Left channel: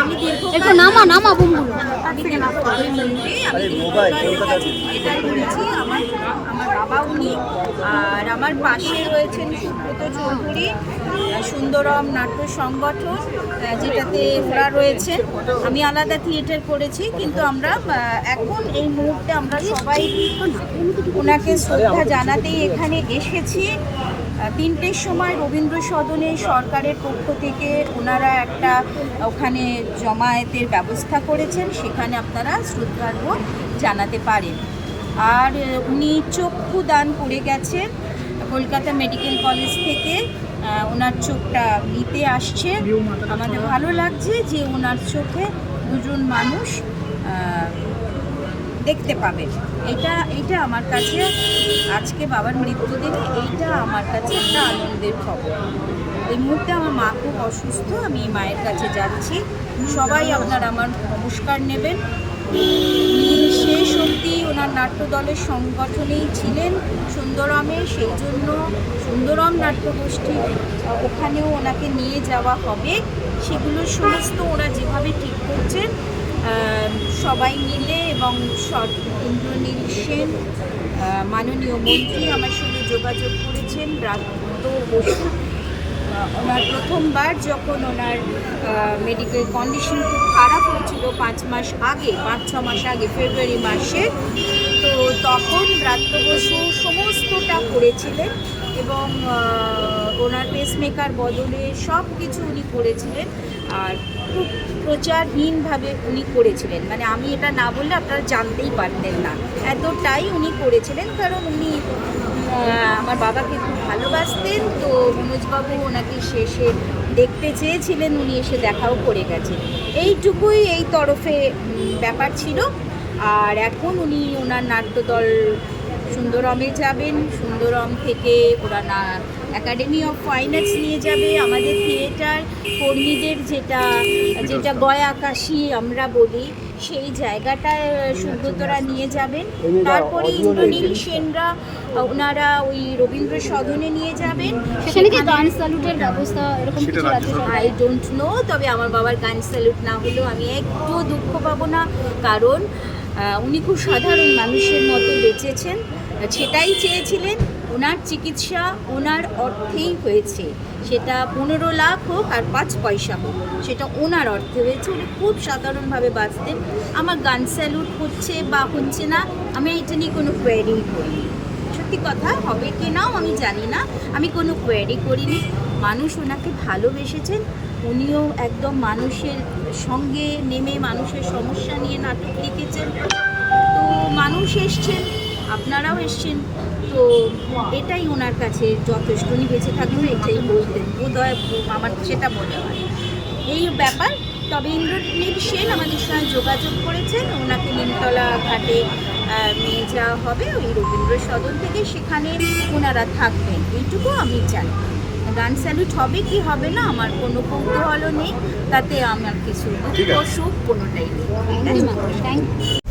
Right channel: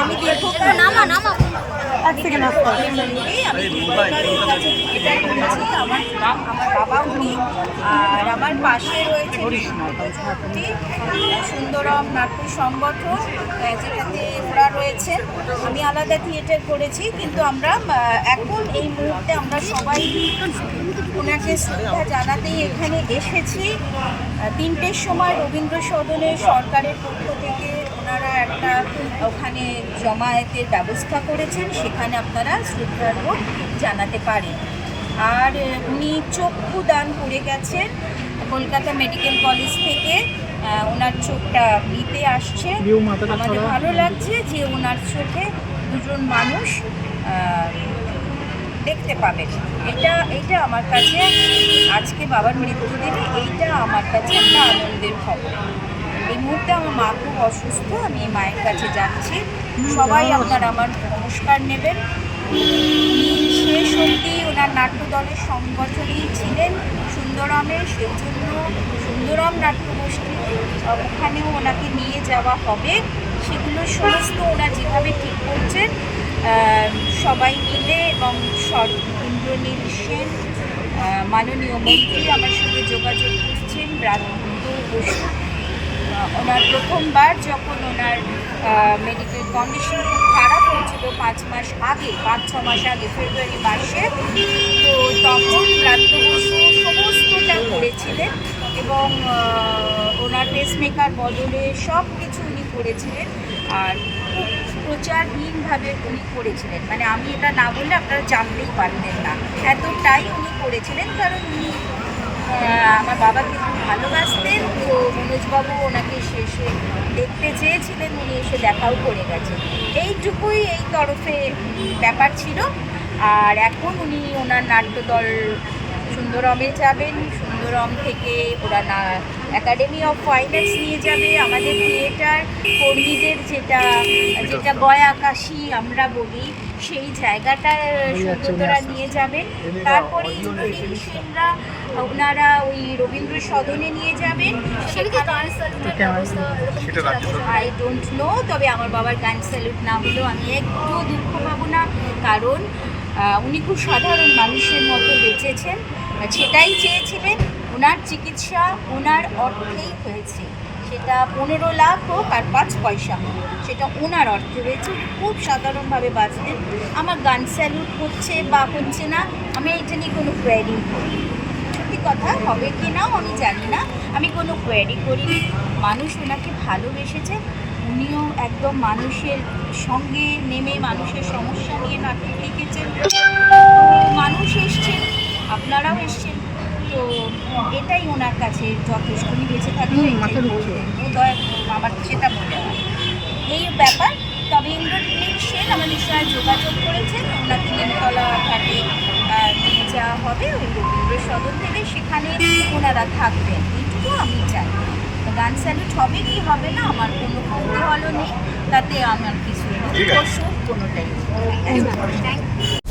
আমি দীর্ঘকাল আমার বাবা উনি, আর আমার পাশে রয়েছেন সুব্রত চৌধুরী, সুন্দরম নাট্য সংগঠন যেটাতে ওরা রয়েছেন। আমি আলাদা থিয়েটার করেছি, কিন্তু আমরা এখন এই মুহূর্তে আমরা সবাই ওনাকে শ্রদ্ধা জানাতেই এখানে এসেছি। 3টের সময় রবীন্দ্র সদনে সরকারের পক্ষ থেকে ওনারা একটা ওখানে জমায়েতের ব্যবস্থা করেছেন, সেখানে আপনারা শ্রদ্ধার্ঘ জানাতে পারেন। আর উনি চক্ষু দান করে গেছেন কলকাতা মেডিকেল কলেজ থেকে, ওনার চোখটা নিতে আসছে। আমাদের ভালো লাগছে যে ওনার চোখে দুজন মানুষ দেখতে পাবেন। এইটা আমার কাছে আজকে বাবার মৃত্যুদিনে এইটা আমার কাছে একটা আনন্দের খবর। এই মুহূর্তে আমার মা খুব অসুস্থ, আমি মায়ের কাছে যাচ্ছি। সবাই আপনারা আমার নমস্কার নেবেন। উনি শেষ অবধি ওনার নাট্যদলের সংগঠনেই ছিলেন সুন্দরমের, সেই জন্য সুন্দরম নাট্যগোষ্ঠী ওখানেও ওনাকে নিয়ে যাওয়া হবে। সেগুলো সমস্ত ওরা যেভাবে ঠিক করছেন সবাই মিলে, এবং ইন্দ্রনীল সেন মাননীয় মন্ত্রী আমার সঙ্গে যোগাযোগ করেছেন। ব্রাত্য বসু ওনার প্রথমবার যখন ওনার মেডিকেল কন্ডিশন খুব খারাপ হয়েছিল 5 মাস আগে ফেব্রুয়ারি মাসে, তো তখন ব্রাত্য বসু সমস্তটা করেছিলেন এবং ওনার পেসমেকার বদলে সব কিছু উনি করেছিলেন। আর খুব প্রচারহীনভাবে উনি করেছিলেন, মানে আমি এটা না বললে আপনারা জানতেই পারতেন না, এতটাই উনি করেছিলেন। কারণ উনি আমার বাবাকে খুব ভালোবাসতেন, তো মনোজবাবু ওনাকে শেষে দেখতে চেয়েছিলেন, উনি এসে দেখাও করে গেছেন। এইটুকুই এই তরফে ব্যাপার ছিল। আর এখন উনি ওনার নাট্যদল সুন্দরমে যাবেন, সুন্দরম থেকে ওরা একাডেমি অফ ফাইন আর্টস নিয়ে যাবে। আমাদের থিয়েটার কর্মীদের যেটা গয়া কাশি আমরা বলি, সেই জায়গাটায় সুব্রতরা নিয়ে যাবেন। তারপরে ইন্দ্রনীল সেনরা ওনারা ওই রবীন্দ্র সদনে নিয়ে যাবেন। আই ডোন্ট নো, তবে আমার বাবার গান স্যালুট না হলেও আমি একটু দুঃখ পাবো না, কারণ উনি খুব সাধারণ মানুষের মতো বেঁচেছেন, সেটাই চেয়েছিলেন। ওনার চিকিৎসা ওনার অর্থেই হয়েছে, সেটা 15 লাখ হোক আর 5 পয়সা হোক, সেটা ওনার অর্থে হয়েছে। উনি খুব সাধারণভাবে বাঁচতেন। আমার গান স্যালুট হচ্ছে বা হচ্ছে না, আমি এটা নিয়ে কোনো কোয়ারি করিনি। সত্যি কথা, হবে কি নাও আমি জানি না, আমি কোনো কোয়ারি করিনি। মানুষ ওনাকে ভালোবেসেছেন, উনিও একদম মানুষের সঙ্গে নেমে মানুষের সমস্যা নিয়ে নাটক লিখেছেন। তো মানুষ এসছেন, আপনারাও এসছেন, তো এটাই ওনার কাছে যথেষ্ট। উনি বেঁচে থাকলেও এটাই বলতেন, ও দয়া আমার সেটা মনে হয় এই ব্যাপার। তবে ইন্দ্রনীল সেন আমাদের সঙ্গে যোগাযোগ করেছেন, ওনাকে নিমতলা ঘাটে নিয়ে যাওয়া হবে ওই রবীন্দ্র সদন থেকে, সেখানে ওনারা থাকবেন, এইটুকু আমি চাই। গান স্যালুট হবে কি হবে না আমার কোনো কৌতূহলও নেই, তাতে আমার কিছু দুঃখ সুখ কোনোটাই নেই। Thank you.